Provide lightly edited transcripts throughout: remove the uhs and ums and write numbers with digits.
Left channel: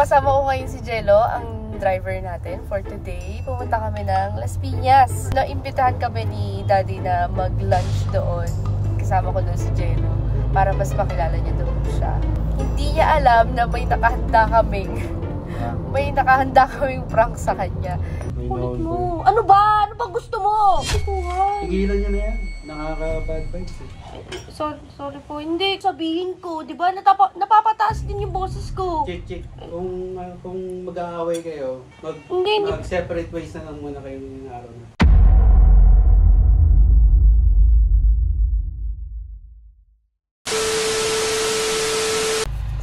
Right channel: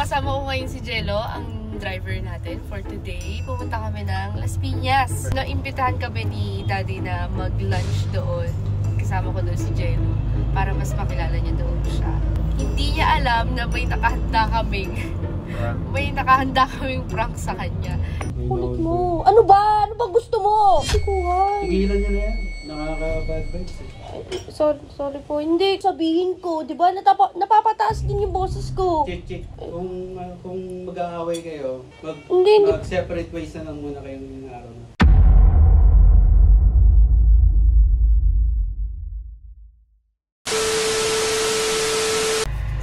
kasama ko ngayon si Jello, ang driver natin for today. Pumunta kami ng Las Piñas. Naimbitahan kami ni Daddy na mag-lunch doon. Kasama ko doon si Jello para mas makilala niya doon siya. Hindi niya alam na may nakahanda kaming prank sa kanya. Kulit mo. Ano ba? Ano ba gusto mo? Tigilan niyo na yan. Nakaka-bad vibes eh. Sorry po. Hindi. Sabihin ko. Diba? Napapataas din yung boses ko. Chit. Kung mag-aaway kayo, mag-separate ways na lang muna kayo ng araw na.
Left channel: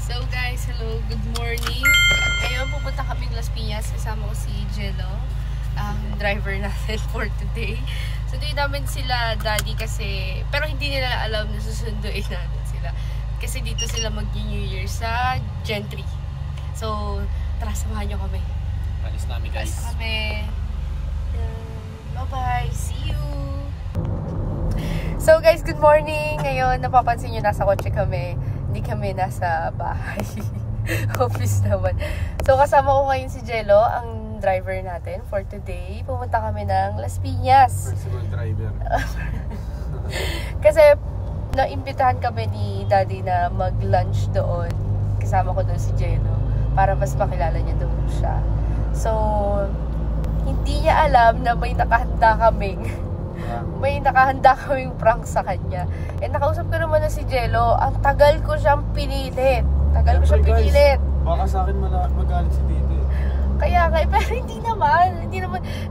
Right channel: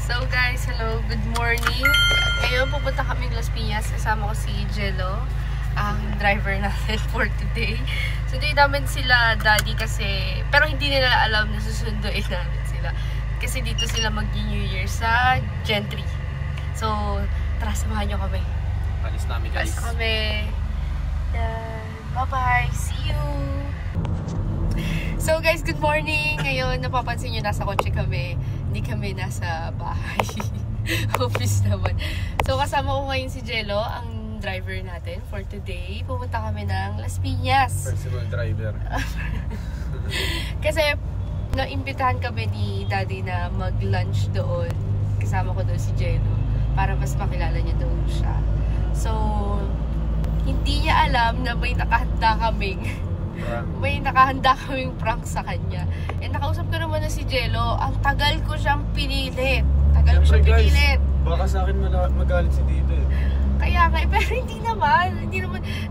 So guys, hello. Good morning. Ngayon pupunta kaming Las Piñas. Kasama ko si Jello, ang driver natin for today. Sunduin namin sila Daddy kasi, pero hindi nila alam na susunduin namin sila. Kasi dito sila mag-New Year sa Gentry. So, tara, samahan nyo kami. Alis namin guys. Alis kami. Bye-bye. See you. So guys, good morning. Ngayon, napapansin nyo nasa kotse kami. Hindi kami nasa bahay. Office naman. So, kasama ko ngayon si Jello, ang driver natin for today. Pumunta kami ng Las Piñas. Personal driver. Kasi, naimbitahan kami ni Daddy na mag-lunch doon. Kasama ko doon si Jello para mas makilala niya doon siya. So, hindi niya alam na may nakahanda kaming prank sa kanya. And nakausap ko naman na si Jello, ang tagal ko siyang pinilit. Pinilit. Baka sa akin magalit si Dito eh. Kaya nga, pero hindi naman.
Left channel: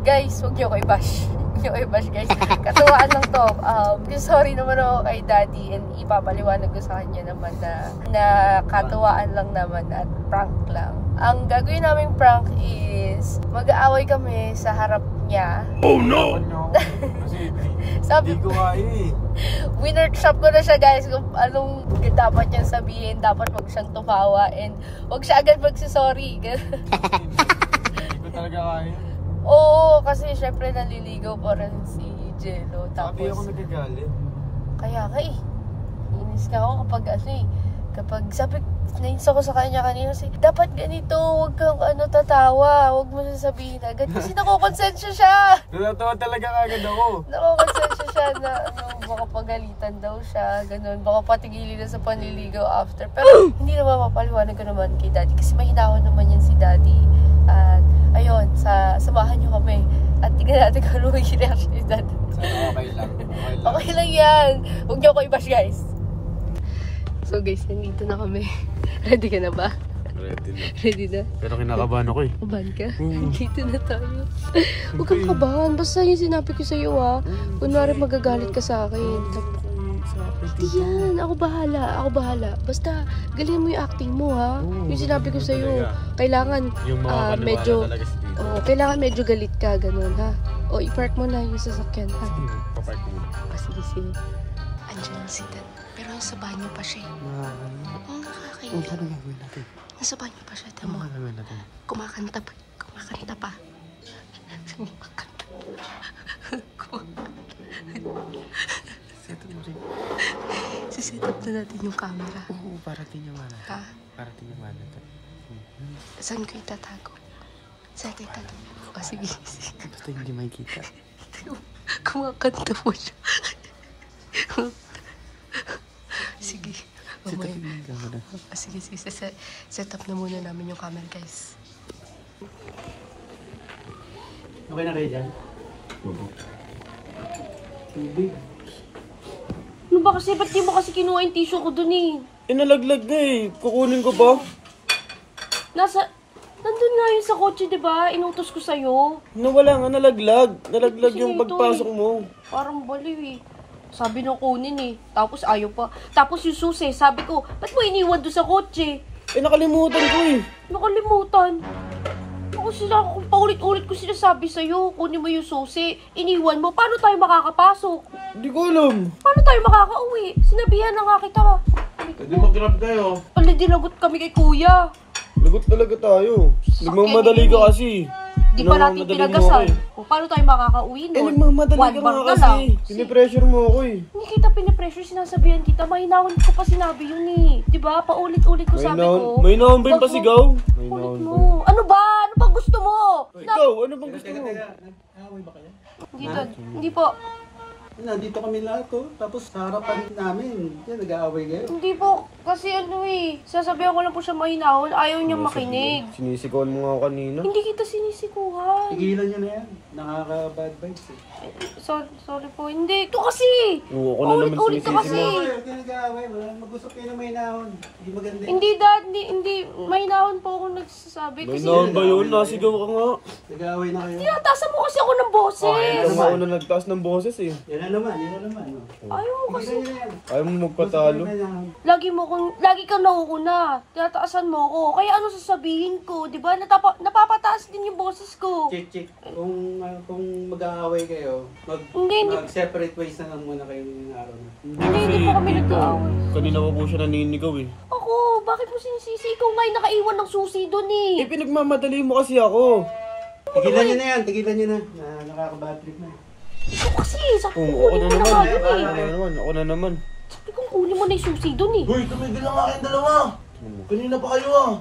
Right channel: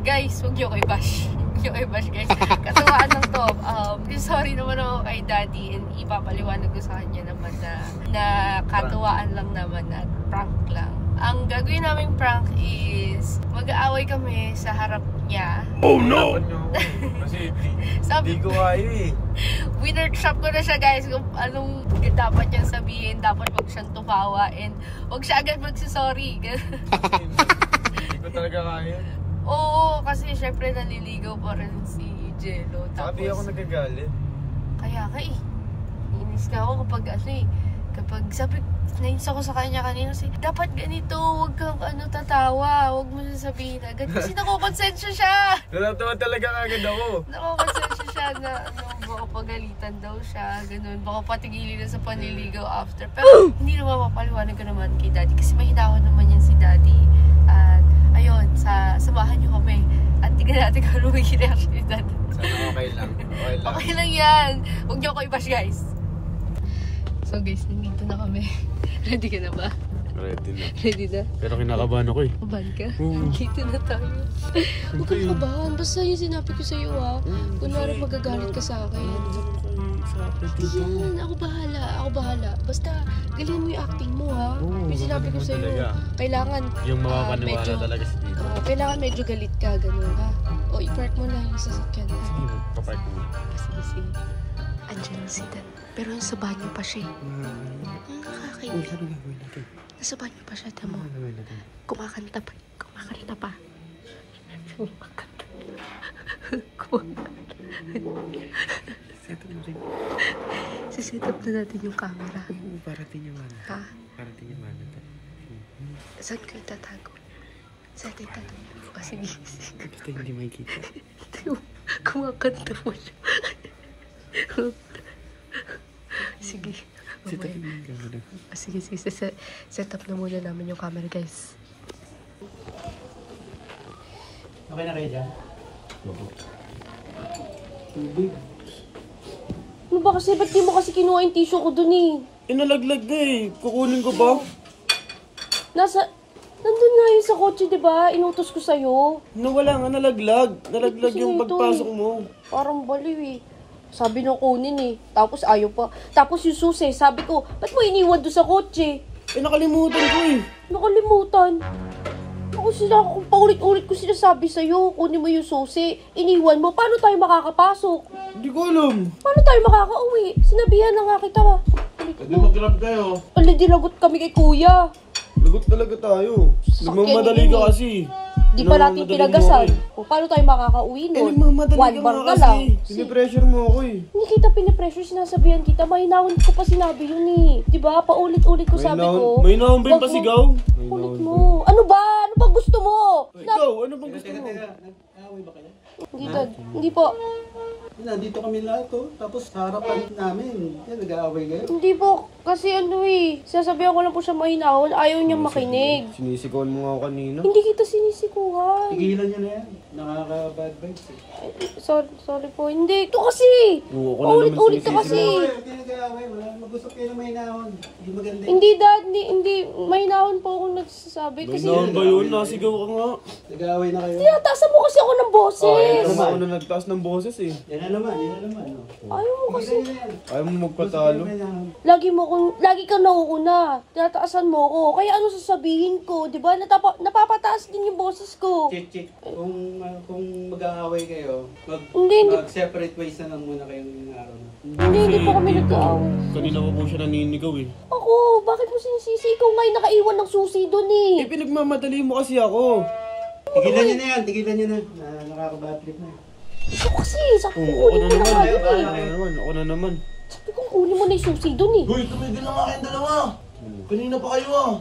Guys, huwag niyo ko i-bash. Guys. Katuwaan lang to. Sorry naman ako kay Daddy and ipapaliwanag ko sa kanya naman na katuwaan lang naman at prank lang. Ang gagawin naming prank is mag-aaway kami sa harap niya. Oh no! Kasi hindi ko kaya eh. Winworkshop ko na siya guys kung anong dapat niyang sabihin. Dapat wag siyang tumawa and wag siya agad magsasorry. Hindi ko talaga kaya. Oo, kasi syempre naliligaw pa rin si Jello. Sabi ako nagagalit. Kaya nga eh. Inis na ako kapag sabi, nainis ako sa kanya kanina kasi dapat ganito, huwag kang tatawa, huwag mo sasabihin agad kasi nakokonsensya siya. Natawa talaga agad ako. Nakokonsensya siya na baka pagalitan daw siya, ganun, baka patigilin na sa panliligaw after. Pero hindi naman mapaliwanag ko naman kay Daddy kasi mahinahon naman yan si Daddy. At ayun, samahan nyo kami at tignan natin kung ano yung reaction ni Daddy. Okay lang. Okay lang yan. Huwag nyo ako i-bash guys. So guys, nandito na kami. Ready ka na ba? Ready na? Pero kinakabahan ako eh. Kabahan ka? Nandito na tayo. Huwag kang kabahan. Basta yung sinabi ko sa'yo kunwari magagalit ka sa akin. Hindi yan. Ako bahala. Basta galing mo yung acting mo yung sinabi ko sa'yo. Kailangan kailangan medyo galit ka. Ganun O, i-park mo na yung sasakyan. Papark mo. Sige. Andiyan si Dan. Pero nasa banyo pa siya. Nakakaiyak. Nasa banyo pa siya, tamo. Kumakanta pa. Set up na natin yung camera. Oo, parating yung ano. Ha? Parating yung ano. Saan ko itatago? Saan ko itatago? Sige. Basta hindi makikita. Kumakanta mo siya. Sige. Sige. Set up na muna namin yung camera, guys. Okay na kayo dyan? Tubig. Ano ba kasi? Ba't di mo kasi kinuha yung tissue ko dun eh? Nalaglag na eh. Kukunin ko ba? Nandun nga yun sa kotse, diba? Inutos ko sa'yo. Wala nga, nalaglag. Nalaglag yung pagpasok mo. Parang baliw eh. Sabi nung kunin eh. Tapos ayaw pa. Tapos yung susi, sabi ko, ba't mo iniwan doon sa kotse? Nakalimutan ko eh. Nakalimutan? Kung paulit-ulit ko sinasabi sa'yo, kunin mo yung susi, iniwan mo, paano tayo makakapasok? Hindi ko alam. Paano tayo makakauwi? Sinabihan na nga kita Hindi mo kinap kayo. Dinagot kami kay kuya. Lagot talaga tayo. Nagmamadali ka kasi. Di pa natin pinagasal. O, paano tayo makakauwi nun? One bar na lang. Pinipressure mo ako eh. Hindi kita pinipressure, sinasabihan kita. Mahinahon ko pa sinabi yun eh. Diba? Paulit-ulit ko sabi ko. May naon ba yung pasigaw? Ulit mo. Ano ba? Ano bang gusto mo? Ikaw, ano bang gusto mo? Nag-away ba kayo? Hindi, Dad. Hindi po. Nandito kami lahat ko. Tapos sa harapan namin. Yan, nag-aaway kayo. Hindi po. Kasi ano eh. Sasabihan ko lang po siya mahinahon. Ayaw niyang makinig. Sinisikawan mo nga kanina. Hindi kita sinisikuhan. Tigilan nyo na yan. Nakaka-bad vibes eh. Sorry po. Hindi. Ito kasi. Ulit-ulit ka kasi. Huwag ka nag-aaway. Mag-usap kayo ng may nahon. Hindi maganda. Hindi, Dad. Hindi. Mahinahon po ako nagsasabi. May Kasi naon ba yun? Nasigaw ka nga. Nag-aaway na kayo. tinatasan mo kasi ako ng boses. Alam mo ako na nagtaas ng boses eh. Yan na naman. Yan na naman. Ayaw mo kasi. Ayaw mo magpatalo. Lagi kang nauuna. Tinataasan mo ako. Kaya ano sasabihin ko? Diba? Napapataas din yung boses ko. Chit. Kung mag-aaway kayo, Hindi. mag-separate ways na lang muna kayo ng araw na. Hindi po kami nag-aaway. Kanina ko po siya naninigaw eh. Ako, bakit mo sinisisi? Ikaw nga yung nakaiwan ng susi doon eh. Eh pinagmamadali mo kasi ako. Tigilan nyo na yan. Tigilan nyo na. Nakaka-bad trip na. Ikaw kasi, sabi ko kunin mo na nga yun eh. Ako na naman. Sabi ko kunin mo na yung susi doon eh. Hoy, tumigil lang nga kayong dalawa. Kanina pa kayo ah.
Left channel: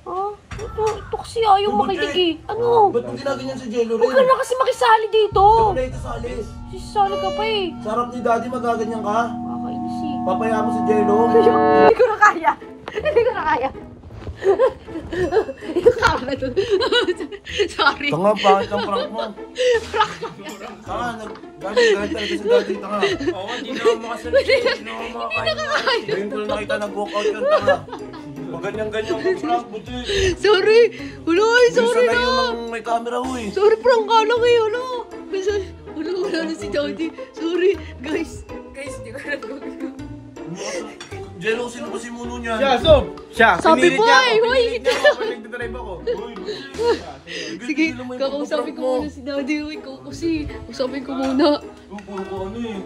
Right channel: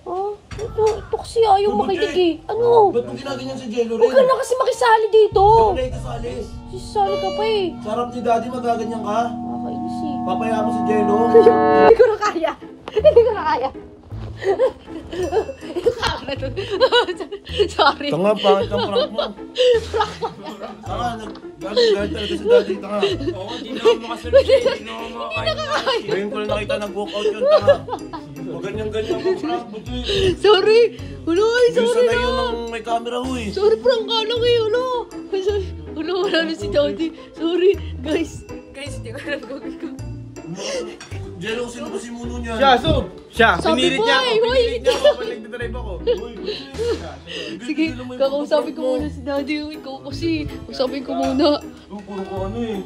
Ah, ito kasi ayaw makinig eh. Ano? Ba't mo ginaganyan si Jello Huwag ka rin? na kasi makisali dito. Wala ito sa alis. Sisali ka pa eh. Sarap ni Daddy magaganyan ka. Nakakainis eh. Papaya mo si Jello. Hindi ko na kaya. Hindi ko na kaya. Yung camera doon. Sorry. Tanga, pangit ang prank mo. Tanga, Daddy, kahit talaga si Daddy, tanga. Oo, hindi na ako makasalit. Hindi na ako makakain. Ngayon ko na nakita nag-walkout yun, tanga. Maganyan-ganyan ang prank, buti. Sorry. Wala eh. Hindi Sorry sanay yun na. ng may camera ho eh. Sorry, prank ka lang eh. Wala na si Daddy. Sorry. Guys, di ko alam gawin ko. Jello, sino ba si Muno niyan? Siya, Sabi pinilit mo niya eh, ako. hoy. Pinilit niya ako pag nagdadrive ako. Sige, kakausapin ko muna si Daddy. Ikaw kasi. Kausapin ko muna. Puro ko ano eh.